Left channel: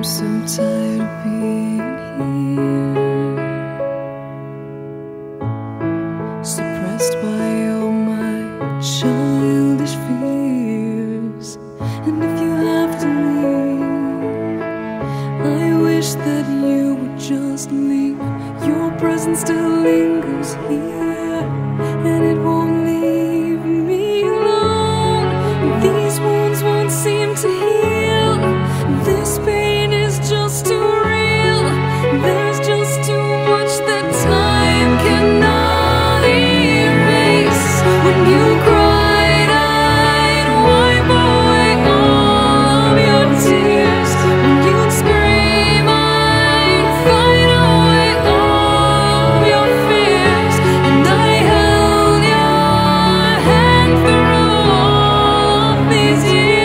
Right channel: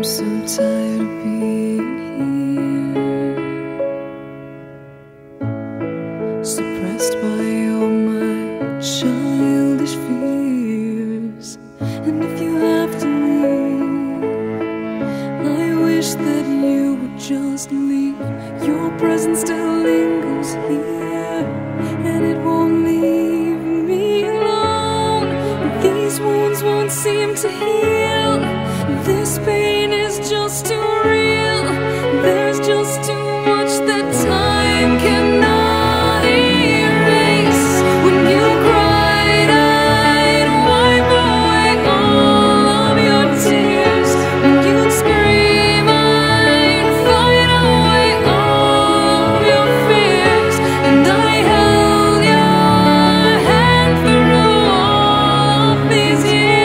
I'm so tired of being here, suppressed by all my childish fears. And if you have to leave, I wish that you would just leave. Your presence still lingers here, and it won't leave me alone. These wounds won't seem to heal. This pain is just too real. There's just too much that time cannot erase. When you cried, I'd wipe away all of your tears. When you'd scream, I'd fight away all of your fears. And I held your hand through all of these years.